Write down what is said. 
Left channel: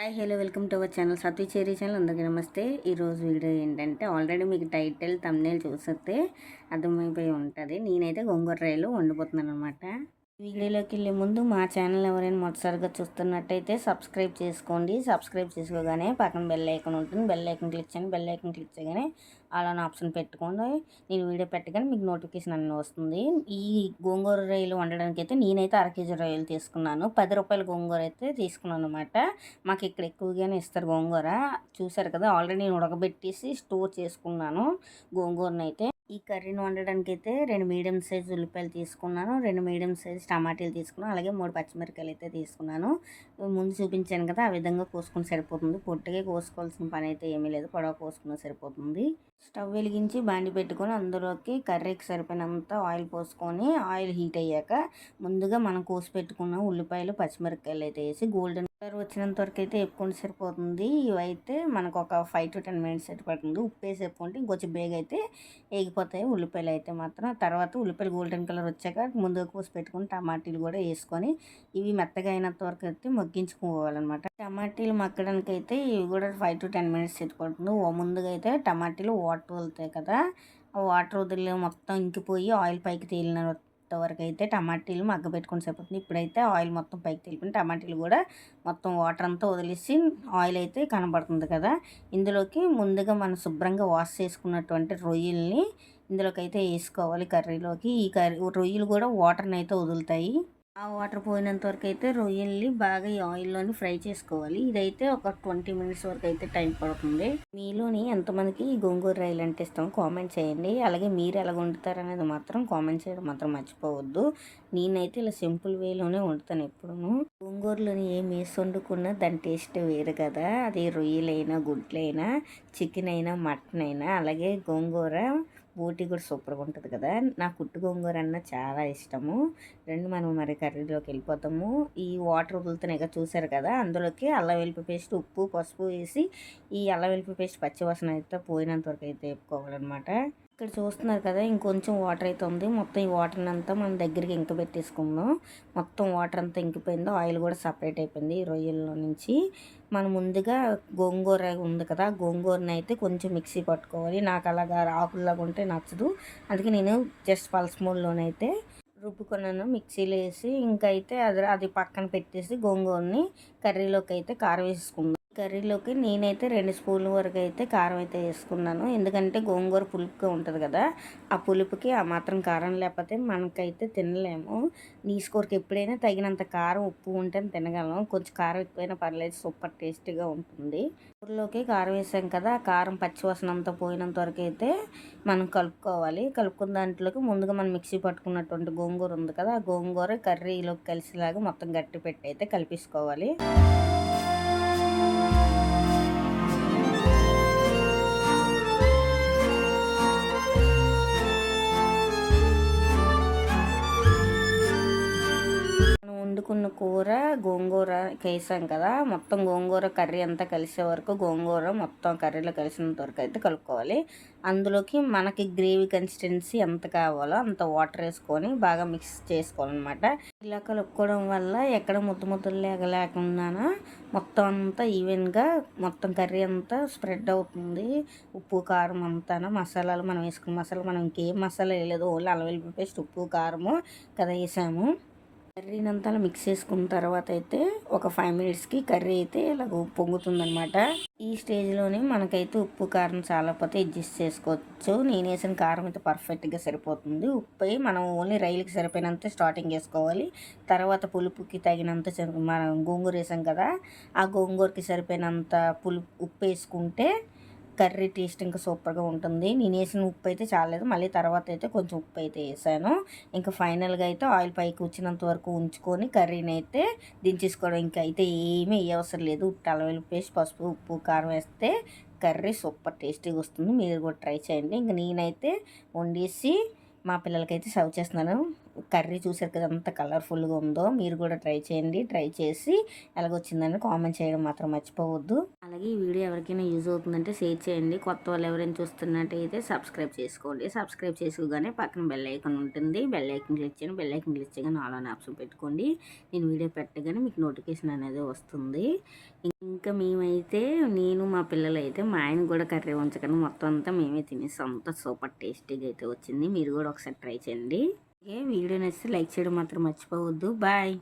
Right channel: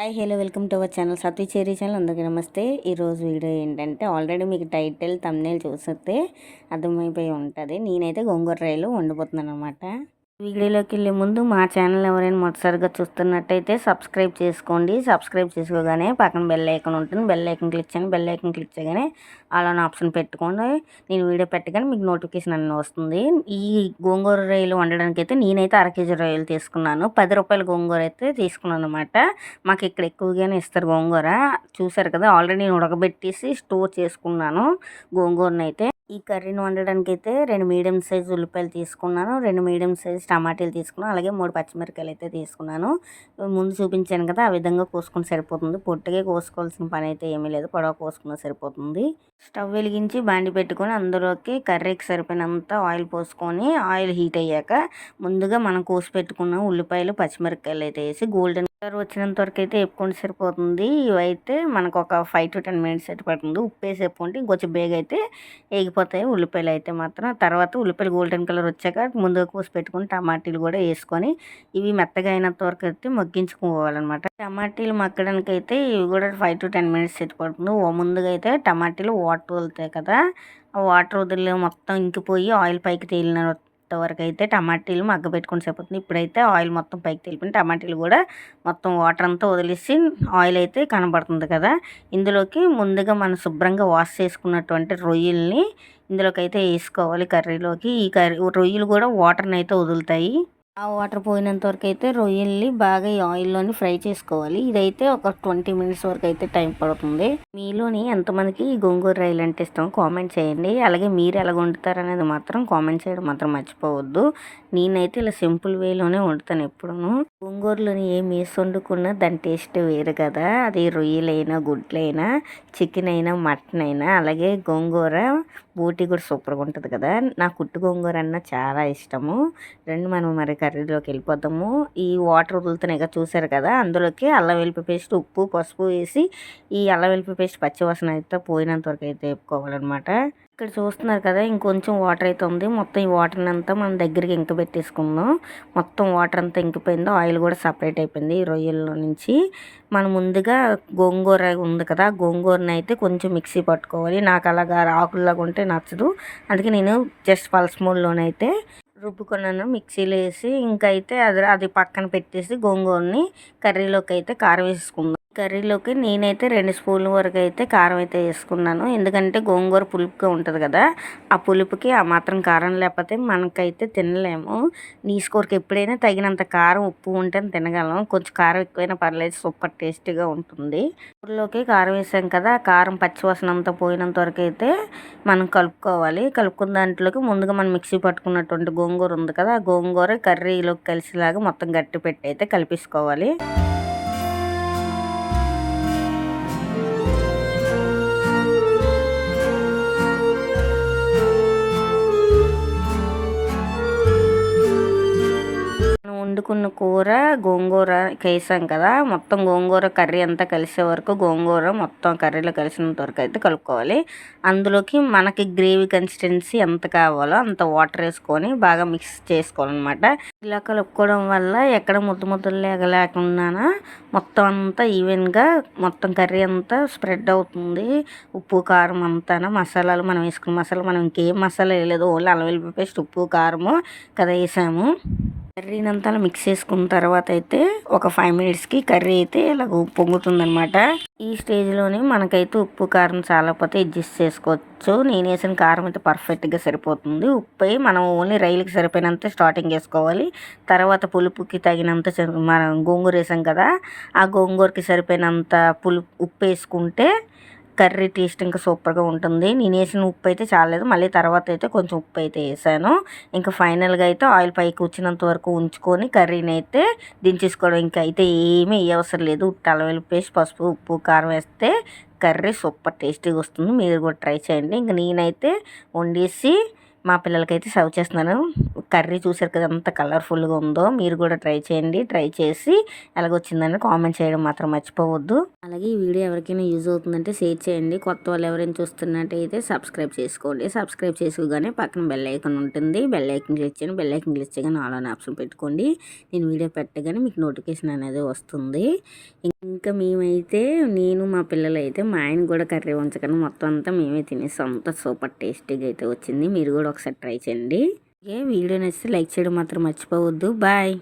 Hi hello welcome to our channel Satya Cheri channel. అందరికీ నమస్తే. ఈరోజు వీడియో ఏంటంటే ఆల్రెడీ మీకు టైటిల్ తమ్నేల్ చూస్తే అర్థమైపోయి ఉంటుంది. నేనైతే గోంగూర రైలు వండిపోతున్నాను అనమాట వీడియోలోకి వెళ్ళే ముందు మా ఛానల్ ఎవరైనా మొదటిసారిగా చూస్తున్నట్టయితే సబ్స్క్రైబ్ చేసుకోండి. సబ్స్క్రైబ్ చేసుకోగానే పక్కన బెల్ ఐకన్ ఉంటుంది. బెల్ ఐకన్ క్లిక్ చేయండి. బెల్ ఐకన్ క్లిక్ చేయగానే అలా ఆప్షన్ పెట్టుకోండి. నేను వీడియో పెట్టగానే మీకు నోటిఫికేషన్ అన్నీ వస్తుంది. ఈ గోంగూర రొయ్యలు వండడానికి అయితే నేనైతే అర కేజీ రొయ్యలు తీసుకున్నాను. పది రూపాయల గోంగూర అయితే తీసుకున్నాను అనమాట మాకు ఇక్కడ ఎక్కువగానే ఇస్తారు గోంగూర. చూసారు కదా ఆల్రెడీ నేను ఉడకబెట్టేసి స్టోర్ చేసుకున్నాను గోంగూరను అయితే ఈ కర్రీని వండడానికి అయితే రెండు మీడియం సైజ్ ఉల్లిపాయలు తీసుకున్నాను రెండు మీడియం సైజ్ టమాటాలు తీసుకున్నాను అలాగే మూడు పచ్చిమిరకాయలు అయితే తీసుకున్నాను. ముందు చూపించాను కదా ఆ విధంగా కోసుకుని సరిపోతుంది. పొట్టుగా కోసుకోవాల్సిన పని అయితే ఏమీ లేదు పొడవ కోసుకున్న సరిపోతుంది. స్టవ్ వెలిగించి బాండి పెట్టుకొని అందులోకి కర్రీకి సరిపోయినంత ఆయిల్ పోసుకొని ఆయిల్ హీట్ అయ్యాక ముందుగా మనం కోసి పెట్టుకున్న ఉల్లిపాయలు పచ్చిమిరపకాయలు అయితే వేసి గోల్డెన్ కలర్ వచ్చినంత వరకు అయితే వేపుకొని సరిపోతుంది. ఇవైతే మనకు ఒక ఫైవ్ టు టెన్ మినిట్స్ అయితే పడుతుంది. ఉప్పు వేసి వేపుకుంటే ఇంకొంచెం బేగ అయితే వేగిపోతాయి. ఉల్లిపాయలు అయితే మాత్రం. తర్వాత ఉల్లిపాయలు గోల్డెన్ కలర్ వచ్చాక ముందుగా కోసి పెట్టుకుని టమాటీలు కూడా వేసుకొని ఇవి మెత్తగా అయినంత వరకు అయితే మగ్గించుకోవాలన్నమాట. టమాటీలు మగ్గడానికి అయితే ఇవి కూడా ఫైవ్ టు టెన్ మినిట్స్ అయితే పడుతుంది. ముందుగా అయితే టమాటీలు వాటర్ వదులుతాయి కదా. ఆ వాటర్ వదిలి మొత్తం ఇంకిపోయి ఆయిల్ పైకి తేలిన వరకు అయితే టమాటీలు మగ్గబెట్టుకుని సరిపోతుంది. ఇప్పుడైతే ఆయిల్ మొత్తం పైకి తెలిపిన టమాటీలు కూడా మొత్తం వాటర్ అంతా వదిలేసి ఆయిల్ అయితే కనబడుతుంది కదా. ఇందులోకి ముందుగా మనం శుభ్రంగా వాష్ చేసుకున్నటువంటి రొయ్యల్ని ఇందులోకి అయితే వేసుకోవాలి కర్రీలోకి. ఈ కర్రీ రొయ్యలు కూడా వాటర్ని అయితే వదులుతాయి. ఆ వాటర్ పోయినంత వరకు అయితే రొయ్యల్ని బాగా ఈ ఆయిల్లోని ఫ్రై చేసుకోవాలి. ఇదైతే ఒక ట్వంటీ మినిట్స్ వరకు అయితే టైం పడుతుంది. మీలోని ఎంతమందికి ఈ గోంగూర రైలు అంటే ఇష్టం కామెంట్ చేయండి. అలాగే మీరు ఎలా వండుతారు అనేది మాత్రం కామెంట్ చేయడం మాత్రం మర్చిపోవద్దు. నేనైతే ఇలా సింపుల్ వేలోనే వండుతాను ఎప్పుడూ గోంగూరలోని ఏం వేసి వండుకున్నా దాని టేస్ట్ వేరు కదా. అది రొయ్యలైనా గుడ్లైనా చికెన్ అయినా మటన్ అయినా అలాగే గోంగూర బూటీ కూడా సూపర్గా ఉంటుంది కదా. నా కుట్టు గోంగూర అన్న చాలా ఇష్టము. రెండు మనం మరి కర్రీలోకి వెళ్ళిపోతాము. ఈ వాటర్ వదులుతున్నాయి కదా చూసారు కదా? అందులోకి అల్లం వెల్లిపి పేస్ట్ ఉప్పు పసుపు వేసి ఈ అల్లం వెల్లిపి పేస్ట్ పచ్చివాసన అయితే పోయినంత వరకు అయితే వేపుకోవాలన్నమాట. ఇక్కడ చూస్తున్నారు కదా ఇంకొంచెం వాటర్ అయితే ఉంది. మొత్తం ఈ వాటర్ని అంతా మనం దగ్గరికి ఇంక పెట్టేసుకుందాం. మొత్తం వాటర్ అంతా ఇంకిపోయిందో ఆయిల్ కూడా సపరేట్ అయిపోయింది ఈ రొయ్యల్లో నుంచి. మనం ముందుగా గోంగూర ఉంది కదా గోంగూరని అయితే కొంచెం మిక్సీ పట్టుకోవాలి. నాకు అలాగా ఆకుల్లాగా ఉంటే నచ్చదు. అందుకే నేను జస్ట్ పల్స్ మూల్లోనైతే రుబ్బుకున్నాను మిక్సీలో వేసి ఇంకైతే అది అది పక్కన పెట్టేసి గోంగూరని కర్రీలోకి అయితే కారం వేసుకుందాం కర్రీలోకి నేనైతే రెండు స్పూన్ల వరకు అయితే కారం అయితే వేసుకున్నాను. ఎందుకంటే గోంగూర పులుపుగా ఉంటుంది కదా ఆ పులుపుకి ఆ మాత్రం కారం లేకపోతే మనకైతే తినలేము. నీ స్కోర్కి ఎప్పుడైనా తగినంత కారం ఉప్పు ఉంటే తినగలం. కొంచెం కారం ఎక్కువైనా పర్లేదు సూపర్ టేస్టీగా ఉంటుంది. కూరలోకి కారం వేసాం కదా కారం పచ్చివాసన అంతా పోయినంత వరకు అయితే మనం కలుపుకోవాలి. కలుపుకున్న దాంట్లోకి ముందుగా మనం మిక్సీ పట్టుకున్నటువంటి గోంగూర ఉంది కదా ఆ గోంగూర కర్రీలోకి కలిసేలాగా మొత్తం గట్టి పెట్టి అయితే కలిపేసుకోవాలి. వండుకున్న కూర గోంగూర వేసాం కదా. మొత్తం గోంగూర కర్రీ అంతా కలిసే వరకు గోంగూర మొత్తం కర్రీలో కలిసినంత వరకు అయితే కలుపుకోవాలి. అందులోకి మనకి గ్రేవీ కన్సిస్టెన్సీ ఎంత కావాలో అంత వాటర్ వేసుకొని బాగా మిక్స్ చేసుకోవాలన్నమాట. ఇలా కలుపుకోవడం వల్ల ఎక్కడ ముద్ద ముద్దలు లేకుండా మొత్తం అంతా ఈవెన్గా మొత్తం కర్రీ అంతా స్ప్రెడ్ అవుతుంది. ఉప్పు కారం అంతా మసాలాలు మనం వేసుకున్న మసాలా మనం ఇంకేం మసాలా వేయలేదు. ఓన్లీ అల్లం వెల్లిపాయ పేస్ట్ ఉప్పు కారము కదా వేసాము. కర్రీనంతా మిక్స్ చేసుకున్న తర్వాత అయితే ఒక ఫైవ్ మినిట్స్కి కర్రీ అయితే ఇలా పొంగుతుందనమాట ఈ స్టేజ్లోనే మనకైతే ఉప్పు కారం చాలా పోతే అడ్జస్ట్ చేసుకోవచ్చు. నేను వేసిన కారం అయితే పర్ఫెక్ట్గా సరిపోతుంది. ఉప్పు మనం ఓన్లీ రైలుకి సరిపోయినంత స్టార్టింగ్ వేసుకోవాలి తర్వాత పులుపుకి తగినంత మనం గోంగూర వేసాం కదా ఆ గోంగూరకి సరిపోయినంత పులుపు ఉప్పు వేసుకుంటే కర్రీ టేస్ట్ ఇంకా సూపర్గా ఉంటుంది. నేను వేసిన ఉప్పు అయితే చాలేదు మళ్ళీ తర్వాత అయితే కొంచెం ఉప్పు అయితే వేసాను. ఇంకా ఫైనల్గా అయితే ఆయిల్ పైకి వచ్చినంత వరకు ఉంచుకొని కర్రీని అయితే దించేసుకోవడం ఇంకా అయితే ఏమీ అవసరం లేదు. అల్లం పేస్ట్ పసుపు ఉప్పు కారం వేస్తే కర్రీ సూపర్ టేస్టీగా వస్తుంది. మీరు కూడా ట్రై చేయండి. ఇంకా నేనైతే వండేసి మా పిల్లలకైతే సర్వ్ చేస్తున్నాను. కర్రీ చూసారు కదా ఎంత కలర్ఫుల్గా ఉందో. మీరు కూడా ట్రై చేయండి. ట్రై చేసి ఎలాగొచ్చిందని కామెంట్ చేయడం మాత్రం మర్చిపోవద్దు. అలాగే ఈ వీడియో ఎవరికైనా యూజ్ అవుతుందంటే షేర్ చేయండి. కొత్త వాళ్ళు ఎవరైనా చూస్తున్నట్టయితే సబ్స్క్రైబ్ చేసుకోండి. సబ్స్క్రైబ్ చేసుకోగానే పక్కన బెల్ ఐకన్ ఉంటుంది. బెల్ ఐకన్ క్లిక్ చేయండి. బెల్ ఐకన్ క్లిక్ చేయగానే ఆల్ అని ఆప్షన్ పెట్టుకోండి. నేను వీడియో పెట్టగానే మీకు నోటిఫికేషన్ అనేది వస్తుంది. ఇంకా మేమైతే నేను మా పిల్లలు అయితే మా ఆయన కూడా కర్రీ ఉంచగానే మొత్తం అంతా మేమే తినేస్తాం అంత సూపర్ టేస్టీగా అయితే వచ్చింది. మీరు కూడా ఒకసారి ట్రై చేయండి. ఏ వీడియో నచ్చితే లైక్ చేయడం మాత్రం మర్చిపోవద్దు. బాయ్.